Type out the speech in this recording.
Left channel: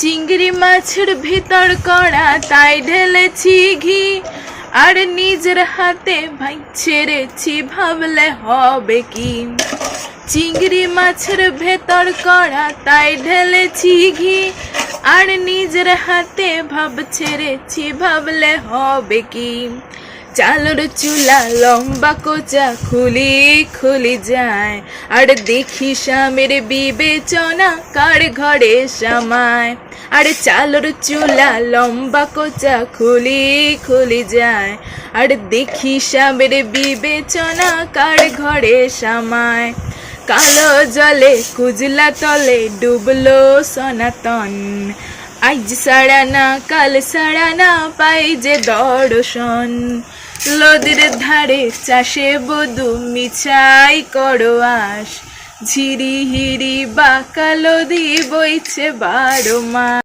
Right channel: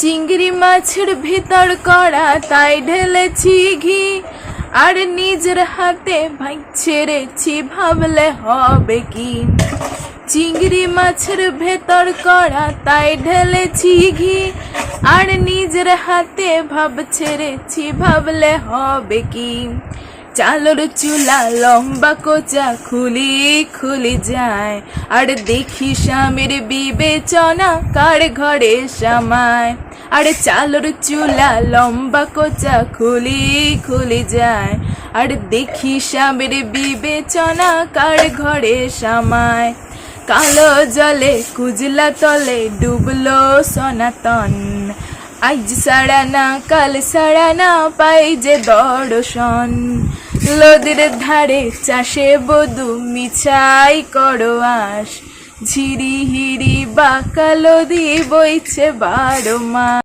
চিংড়ি মাছের ভেতর কড়া তাই ঢেলেছি ঘি, আর নিজের হাতে ভাই ছেড়েছি, ভাবলে হবে কি। চিংড়ি মাছের ভেতর কড়া তাই ঢেলেছি ঘি, আর নিজের হাতে ভাব ছেড়েছি, ভাবলে হবে কি। চালের চুলা লম্বা কোচা খুলি খুলি যায়, আর দেখি স্বামীর বিবেচনা কার ঘরে সামায়। আর চালের চুলা লম্বা কোচা খুলি খুলি যায়, আর দেখি স্বামীর বিবেচনা কার ঘরে সামায়। কালো জলে কুজলা তলে ডুবলো সনাতন, আজ সারা না কাল সারা না পাই যে দর্শন। নদীর ধারে চাষে বধু মিছাই করো আস, ঝিরি হিরি বাঁকা নদী বইছে 12 মাস।